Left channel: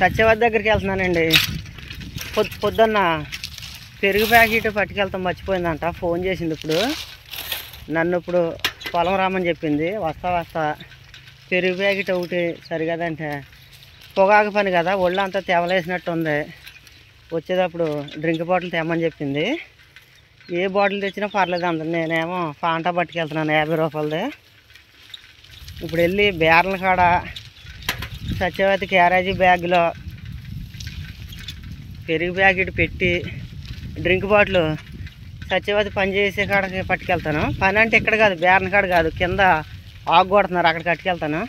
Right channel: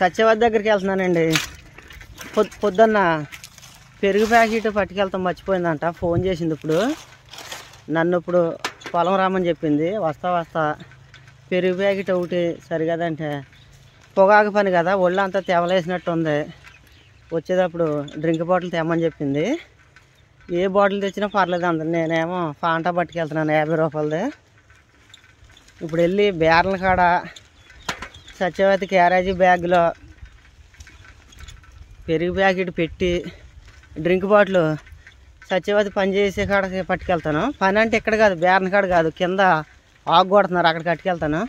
సత్యవతి దగ్గరికి వెళ్తున్నానండి. పొద్దున్న పెరుగు ప్యాకెట్ పట్టుకెళ్తాం మర్చిపోయిందంట. ఫోన్ చేసింది ఇప్పుడు. నన్ను ఇప్పుడు పొలం రామని చెప్పింది. వస్తా పెరుగు ప్యాకెట్ ఒకటి సరిగదంటే పొగాకు పని కదా, ఒళ్ళంతా తెవలేసినట్టు ఉంది. వచ్చేటప్పుడు డ్రింక్ బాటిల్ తెమ్మని చెప్పింది. ఏ బాటిల్ తెచ్చినా పర్లేదు అందరు. నేనేమో ఫాంటా పట్టుకెళ్తున్నాను 50 రూపాయలది. ఇప్పుడు వెళ్ళి బేర్ల కాడ సత్యవతి క్యారేజీ బ్యాగ్లో పెరుగు ప్యాకెట్ పెట్టి డ్రింక్ బాటిల్ సత్యవతి పని చేసే కాడకి పట్టుకెళ్తాను. పని అంటే ఇక్కడ కాదు, బేర్ల కాడ కాదు, కింద ఆగు కొడుతున్నారు, అక్కడికి పట్టుకెళ్తాను.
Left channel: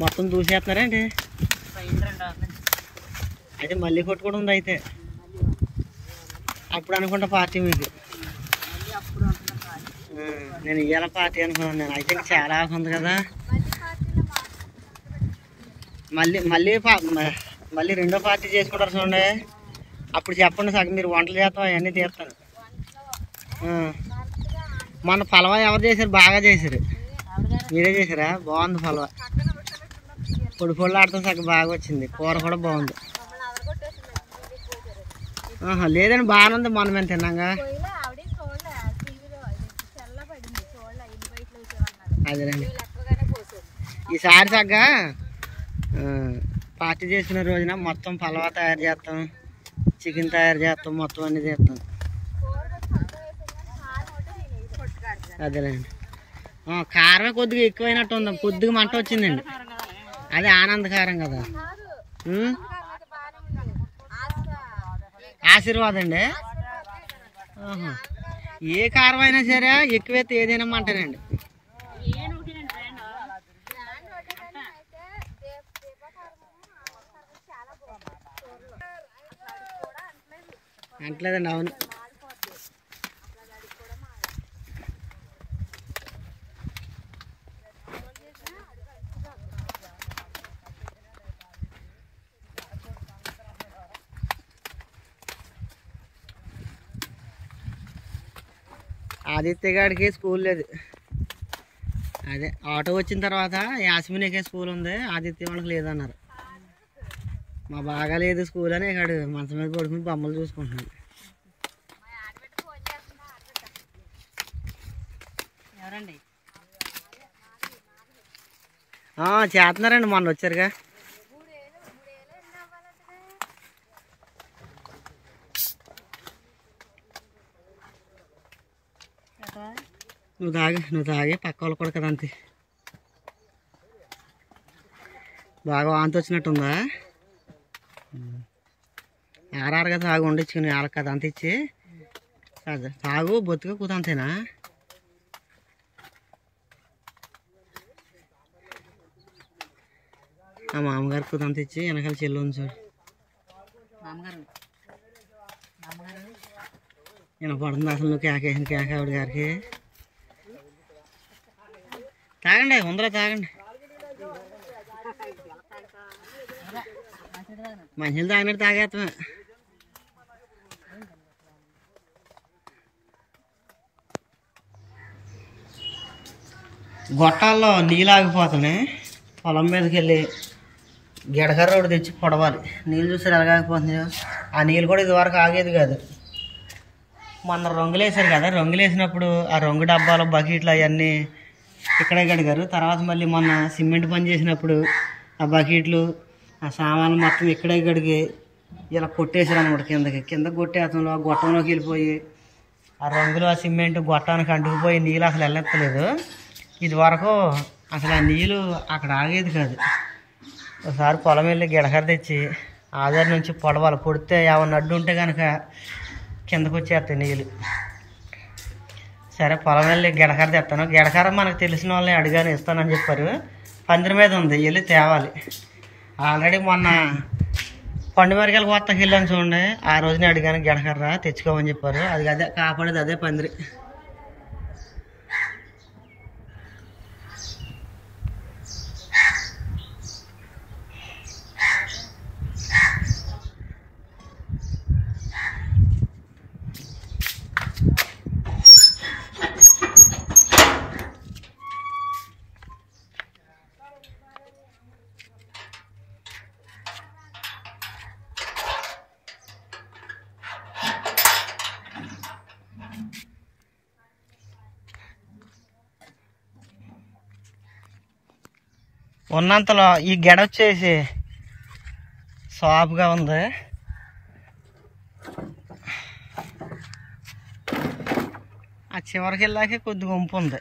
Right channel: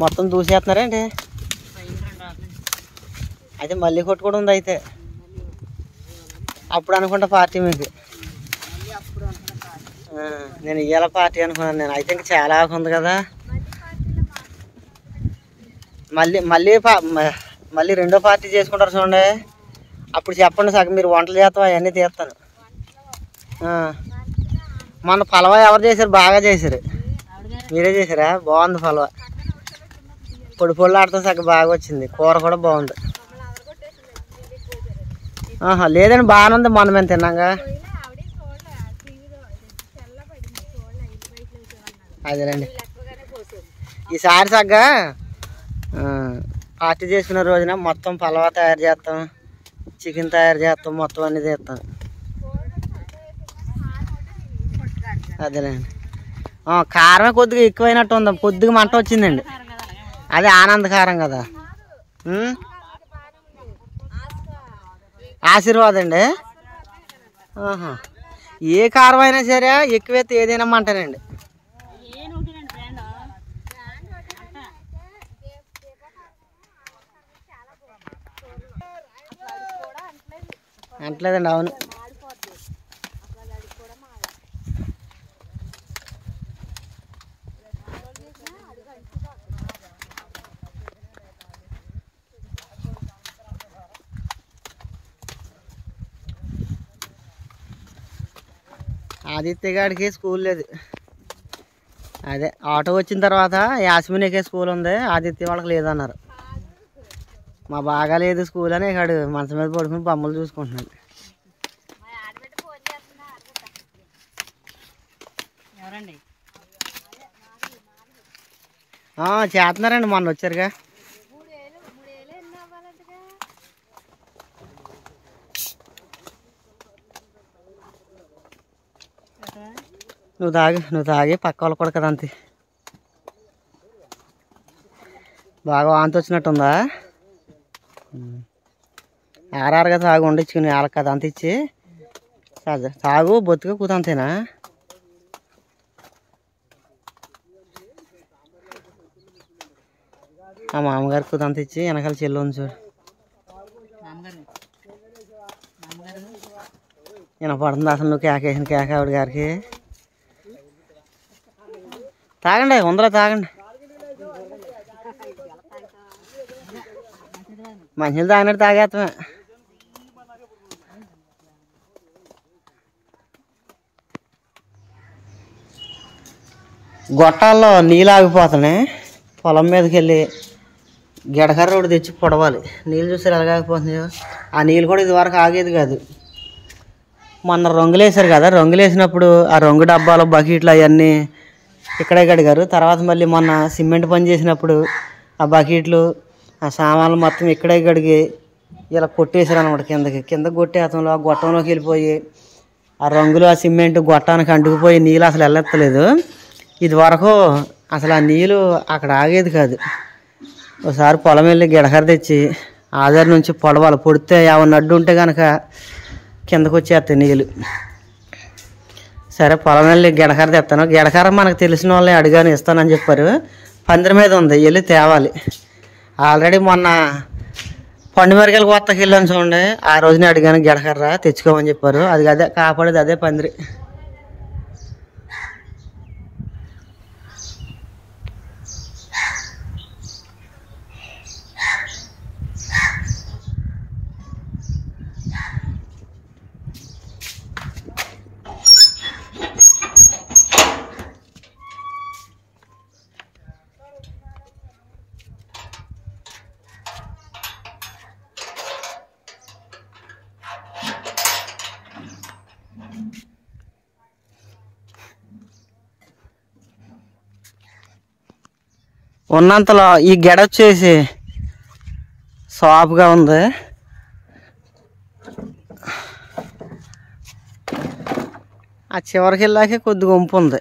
మొత్తం దూసేస్తున్నారేంటి? అయితే మళ్ళీ కొట్టుకోవడం ఉంది. అయితే అప్పుడు అనుకుంటా పార్టీ మీకు. నేను ఇయ్యాల పార్టీ అనుకున్నాను నేను. అయితే ఇంకా చాలా ఉంది కదా. మళ్ళీ మళ్ళీ మళ్ళీ రెండో పార్టీ చేసుకుంటారు చూడండి. అప్పుడు చెప్పండి, సగం మీరు వంటలు చేస్తాం అవన్నీ తీస్తాను. మన పలవా ఎవరు చేశారు? బాగా చేశారు. మీరే చేశారా? బాగుంది పలవా. పొడి పొడి ఆడుతూ సగం బాగా వచ్చింది. కూర కూడా బాగుంది. లేదండి, బాగానే ఉంది. మొన్న మేము తిన్నాగా. అదేనండి, ఈసారి సగ్గా పార్టీ చేసుకునే రోజున మొత్తం పలవా తయారు చేస్తాం, చికెన్ తయారు చేస్తాం, మొత్తం అన్నీ చేస్తాం. అదేలేండి. కారం కొద్దిగా ఎక్కువైనట్టు ఉంది. కొద్దిగా మంట వచ్చిందండి. అదే ఆనంద కారం కదా. ఆశీర్వాదం అండి. ఏ కారం అయినా సరే ఎక్కువైతే ఏదైనా మంటనండి. అంటలేదండి. అవును, ఆదిత్య గారికి స్కూల్ లేదు. అదే ఆటో వచ్చిన తర్వాత యాస్మినికే స్కూల్ ఉంది, ఆదిత్య వాళ్ళకి లేదన్నారు. మా బాగా లేదు స్కూల్ అని ఇక్కడ మంచం మీద పడుకుని బొమ్మలు చూసుకుంటున్నాడు. చేస్తున్నారండి, మొన్న వచ్చారుగా. నువ్వు తాగి పక్క వాళ్ళు కూడా కదా. అంతే బాగా వాంతి వచ్చినట్టుందా? ఆరారుగా తాగు వండించుకుని వాళ్ళకి కదా అంత ఇచ్చి తాగు బొత్తుగా కూతంతేనా? ఆ మామగారికి కూతంత ఇచ్చి వెనకాల చెల్లి ఉంది చూడు. వినపడుతుంది అసలు నువ్వు కేకేసిన కేక ఆవిడ గారికి. తాగండి, ఉందరా తాగండి. మంచినీళ్ళు తాగినట్టు తాగేస్తామే. గొట్టాల్లో నీళ్ళు ఆగిపోతున్నాయి. పొలం మీదకి వెళ్ళి గెడకర్ర ఒకటి తెచ్చి పొడవాలి. నీళ్ళు చూసారు ఎలాగాగిపోతున్నాయో. ఆ నీళ్ళు కూడా ఇదివరకు ఆగేది కాదు. మొన్న రంగులు వేసారు కదా, రంగులు వేసినప్పుడు ఆ రంగు డబ్బాలు బకెట్లు అవన్నీ ఇక్కడే కడిగారు. తర్వాత మళ్ళీ మొన్న సిమెంట్ పని చేసినప్పుడు ఆ బకెట్లు ఆ సామాన్లు మొత్తం ఇక్కడే కడిగి ఇలా కొట్టేసారు అనమాట. కిందకి కొట్టేతంలో ఆ గొట్టంలోకి వెళ్ళిపోయి ఆ రంగులు ఆ సిమెంట్ గొట్టానికి అంటుకుపోయి నీళ్ళు అసలు వెళ్ళెత్తలేదు. ఇది వరకు అసలు ఆ నీళ్ళు అక్కడ ఆగేది కాదు. ఒకసారి పొలం వెళ్ళి గిడకర తెచ్చి ఆధార్ నుంచి పొడవాలి. పొడితే ఏమన్నా అడ్డు ఉంటే కనుక కిందకు వచ్చేస్తాయి నీళ్ళు. సరే పొలం వెళ్ళి గిడకర తెస్తాను. గిడకర మనకు తెలిసిన వాళ్ళే అడిగాను, ఇస్తానని చెప్పారు. పందిరి మీద ఉంది, వెళ్ళి తేవాలి. ఆల్రెడీ మొన్న పండుమిరకాయలు కొత్తకి వెళ్ళాను చూడండి, ఆ రోజునే అడిగాను గిడకర్ర తెచ్చుకోమని చెప్పారు. అది అదే కాపాడేది, అదే పందిరి. ఉన్నంతలో ఈ గెడ వచ్చేసి సాఫ్గా ఉంది. ఆ చివరికి వెళ్ళాకే కొద్దిగా వంపు ఉంది.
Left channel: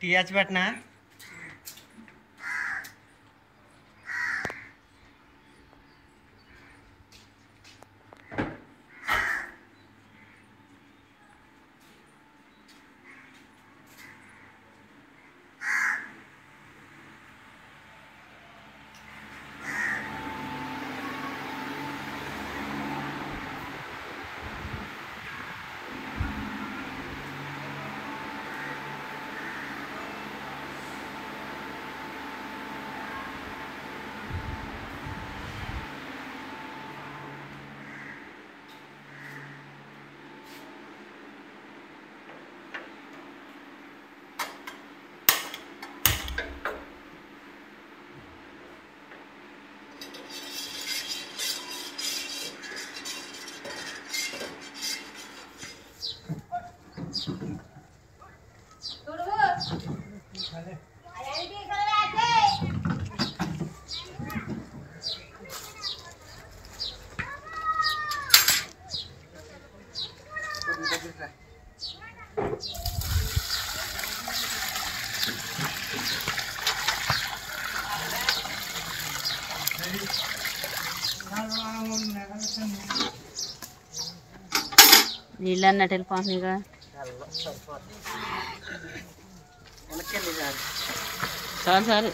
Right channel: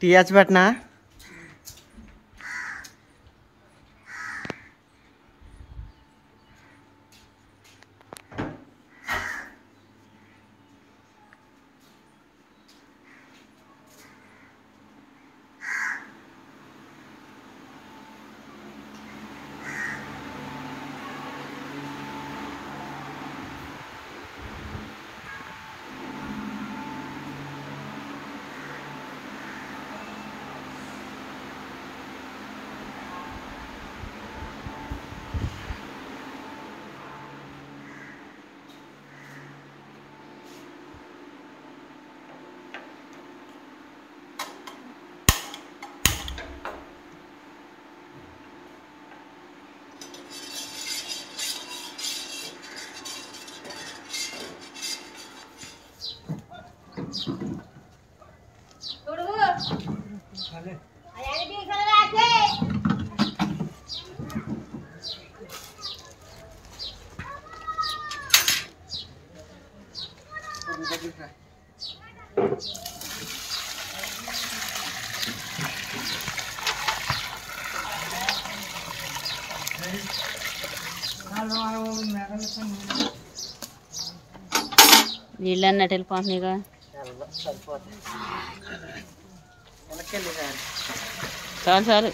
టీ హెచ్ పెట్టినా నీళ్ళు అన్నట్టు వెళ్ళిపోతున్నాయిగా. చాలు చాలు.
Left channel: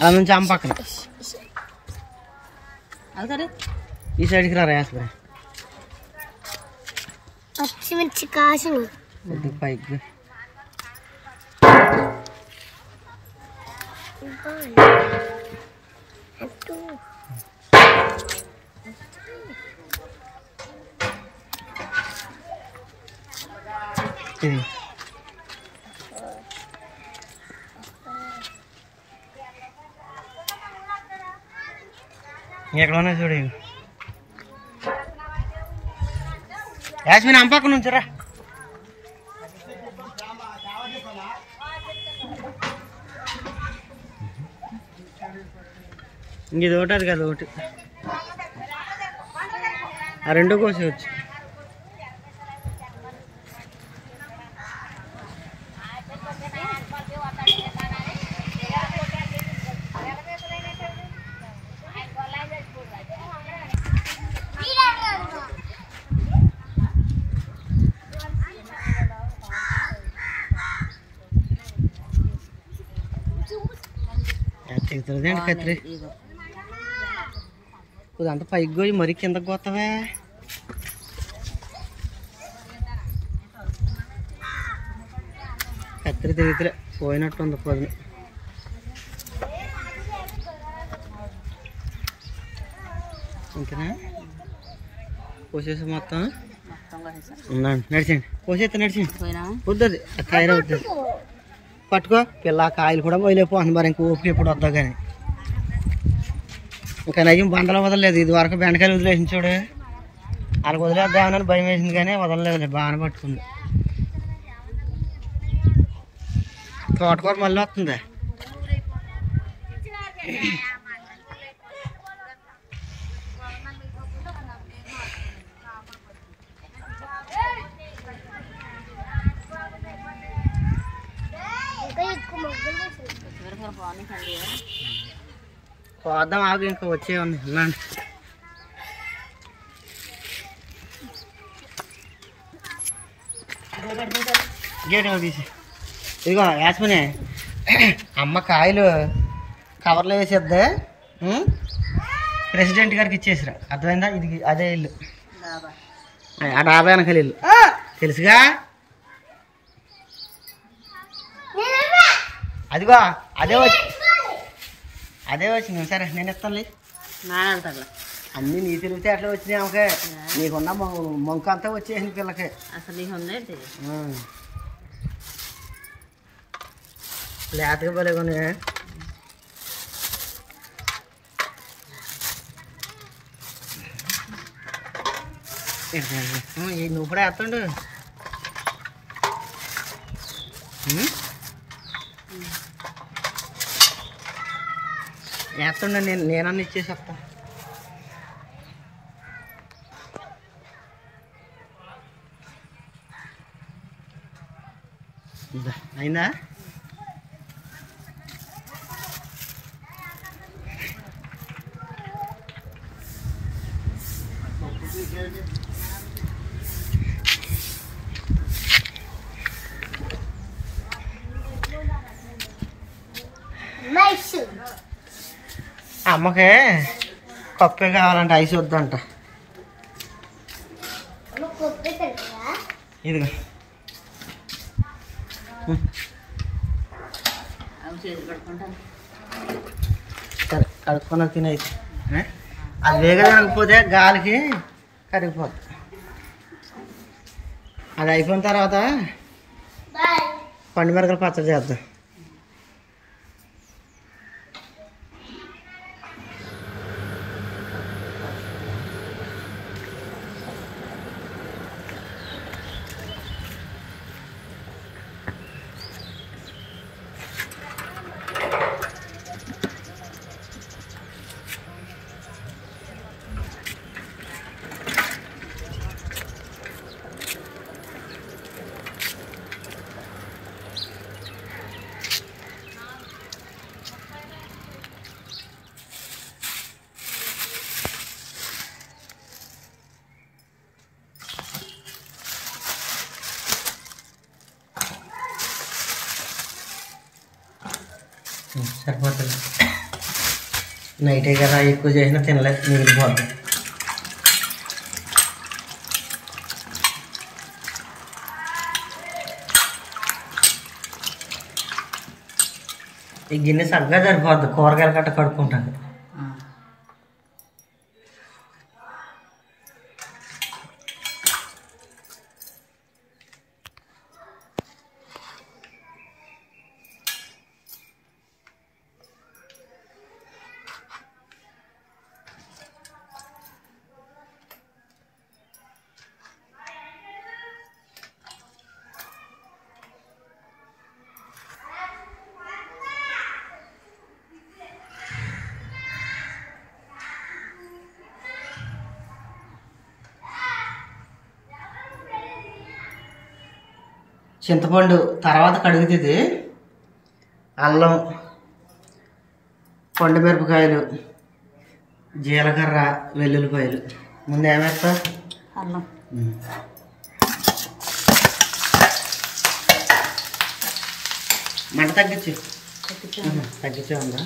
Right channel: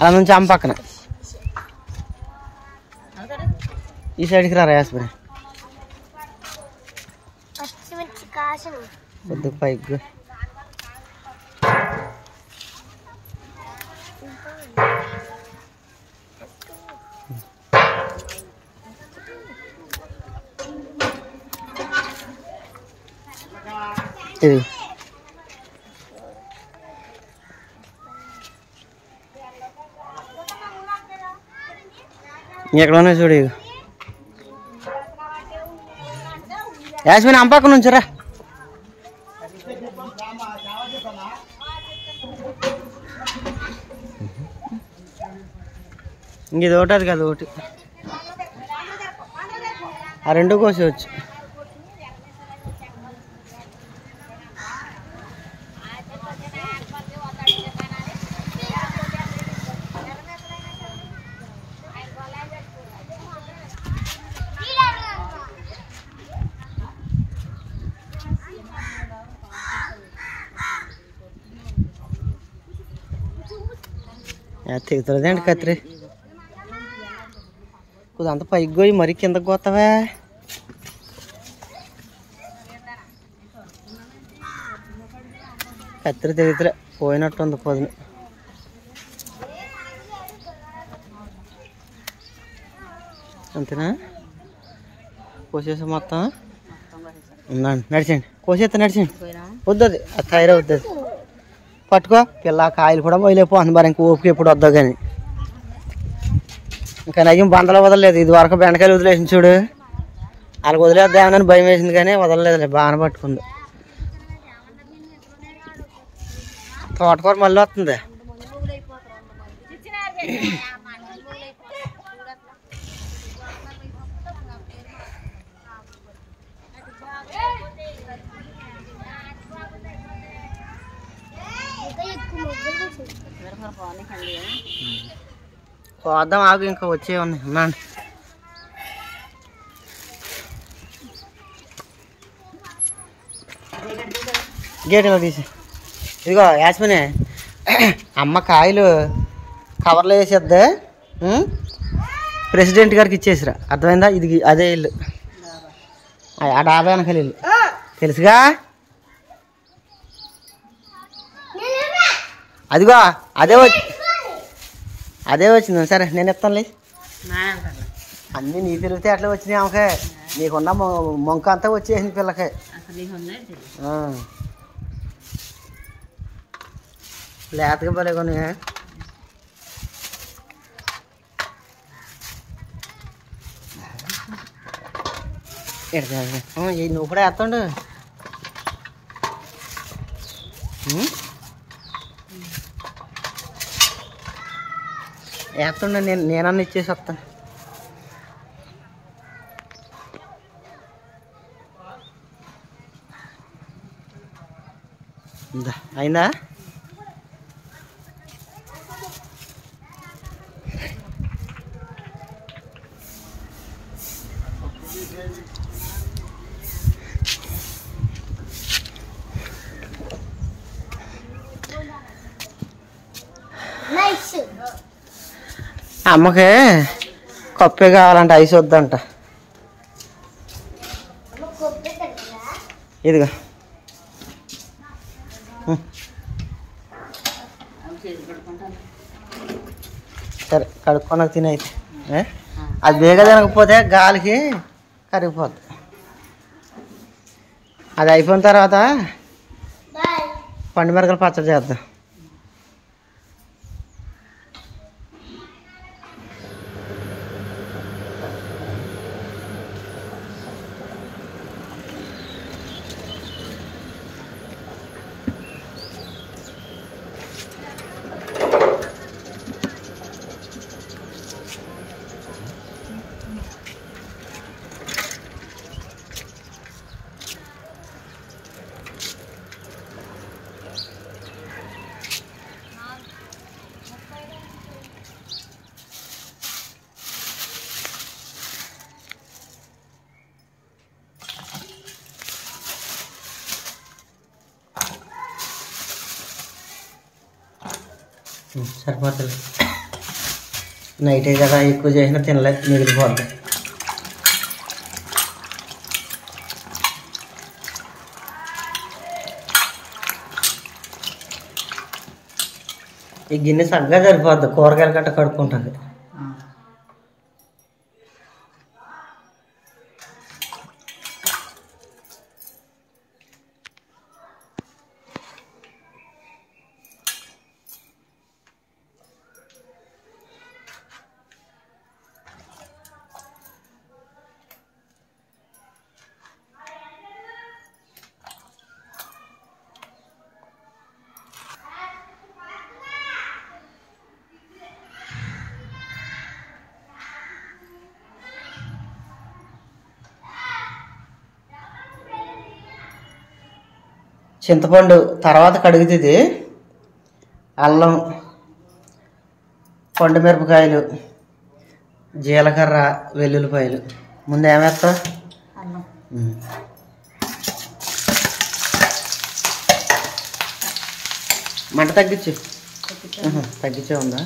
అలా నుంచి అమ్మ పక్కన ఈ సైడ్కి రా యాస్ప్రే పచ్చిమిర్చి కాసులు కొద్దిగా పైకి ఇది ఎక్కడన్నా చూడు. యాస్మిన్ అంపక్క నుంచిరా. ఇంక ఇది ఒకటి అది కదా ఒకటి, ఆ రెండు కోసేవచ్చు. తెగుతుందండి కత్తిరి కొద్ది అంత పైకి పోయి మరీ కిందకు పోతావా. కత్తిరి తెగుతులే పోయినట్టు ఉంది పొద్దున. అంతేనా కోసేసి మొత్తం ఉందండి. నడిచండి, కోసేస్తా నడిచండి. పోయినా వద్దది అది తయారవుతుంది. పట్టుకో పిల్ల, కాయలు కూడా పోయిలేకపోతుంది. మరి ఇంక ఓపిక ఎప్పుడు వద్దావు కానీ. ఇంకా నయ్యం బందలో వదలలేదు. ఇది వరకు బెండకాయలు వదిలేసింది చూడు, వాళ్ళకి వదిలేద్దామని భయం వేసింది కానీ వదలలేదులే, బాగానే పట్టుకుంది. తోటకూర మళ్ళీ వస్తుంది. పోద్దాం ఆగు, ఇంకా వచ్చే ఉన్నాయి. ఉన్నాను గేట్ తీసి. ఇదిగో యాస్మిని, అమ్మ కాయలు కవర్లో వేసేద్దే, ప్రెసిడెంట్ గారికి ఇచ్చేసిరా. అర్థమైందా? ఇది అదే ఇల్లు, ఆ డాబా వెనకాల ఇల్లు తెలుసుగా. అదిగో అదే వచ్చింది. సరే నేను ఇస్తాను లేదు, అన్నీ నీ తెలివితే అట్లా వచ్చినాయి. ఆమెకే నీకున్న మొంక అంతా వచ్చేసింది పిల్లకి. లేతగా భలే కొన్ని. నువ్వు కూడా వేస్తాడు. వేస్తుండే, నేనన్నా ఇచ్చేసి వస్తాను. అయిందా? అమ్మకి కప్పే కావాలంట, ఐస్ వద్దంట. ఇదిగా సరే కడుక్కొని తినైతే. అది బేగా తినకపోతే గాలికి కరిగిపోద్ది. అది అయిపోయిన తర్వాత పండు మిరపకాయలు పచ్చడి చేద్దాం. సరిపోతుంది. నైటే కదా, ఎక్కువ చేసినా తినలేదు, మిగిలిపోద్ది. ఈ గిన్నె చక్కగా సరిపోద్ది, కూరగాయలు గట్ట కడుక్కుంటుంది. చింతపండు తర్వాత కడుగుతుంది. అల్లం, పండు మిరపకాయలు, జీలకర్ర, వెల్లుల్లిపాయలు. ముందు ఏమేస్తా? మంట తగ్గించు. తగ్గించే ఉందా?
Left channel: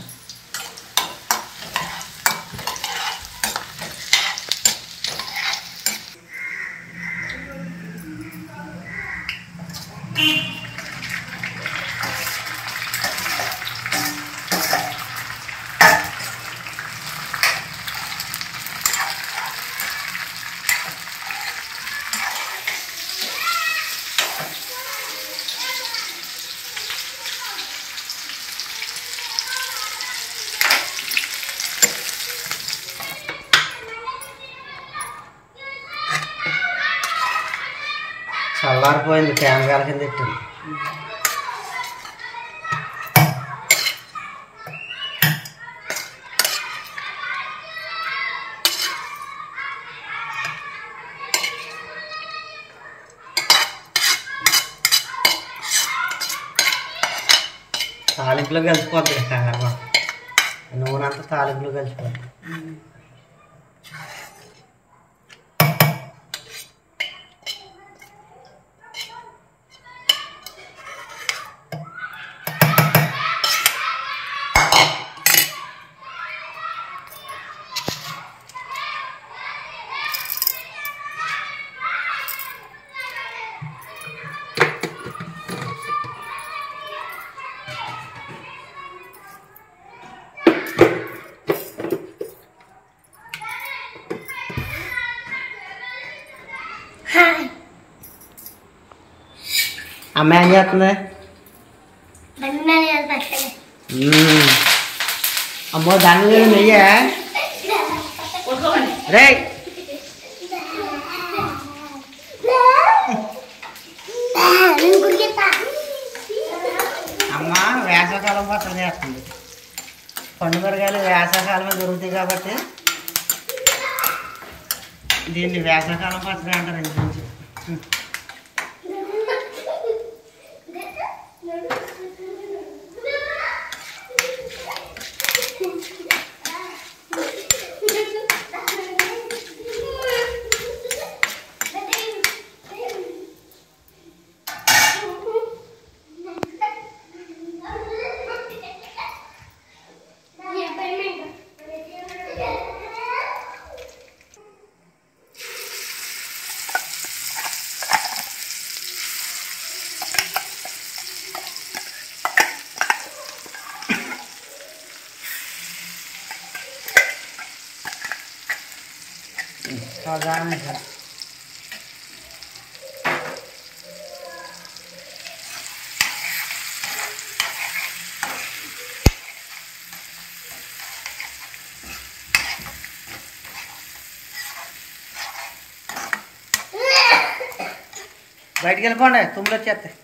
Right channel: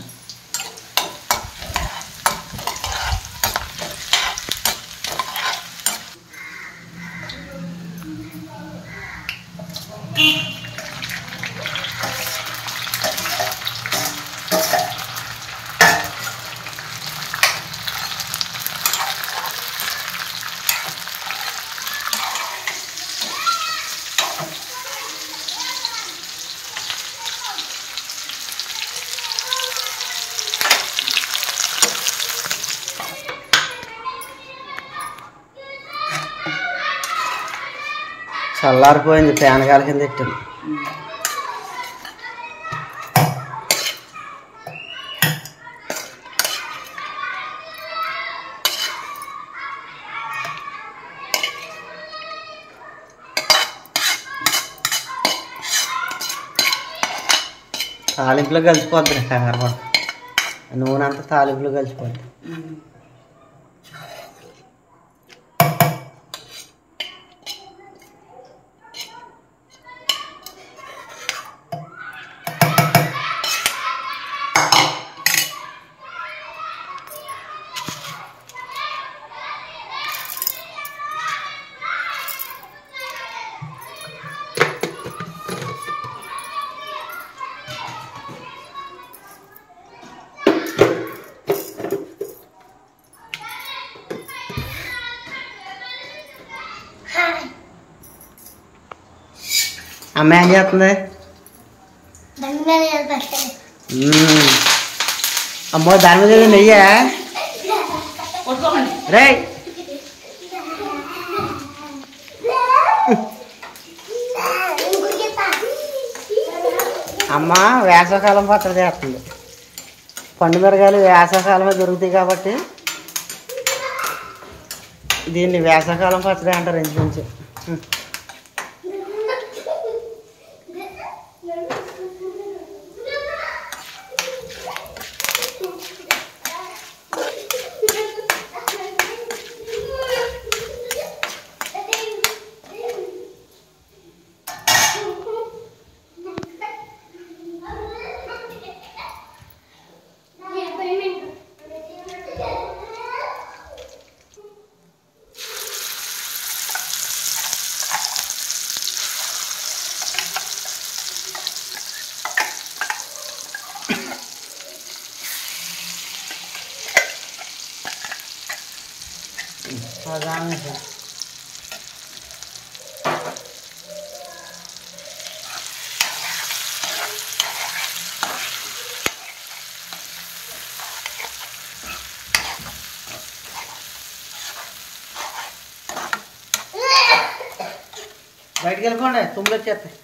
చల్లారిపోయింది, ఫ్యాన్ గాలి కింద పెట్టింది. తాలింపులో కలిసిపోద్ది, కంగారు పడ. నూనె అంతా తాలింపులో కలిసిపోద్ది. అమ్మ ఏం చేస్తుంది? అమ్మో దాని మీద నెయ్యా రే. అమ్మ వేసవకాలం పచ్చడి చేస్తుంది. పండు మిరగాయలు వేసవకాలమే దొరుకుతాయి కాబట్టి దీన్ని వేసవకాలం పచ్చడి అంటారు ఇంకొంచెం. బయటికి వెళ్ళిపోండి, తుమ్ములు వచ్చేస్తాయి.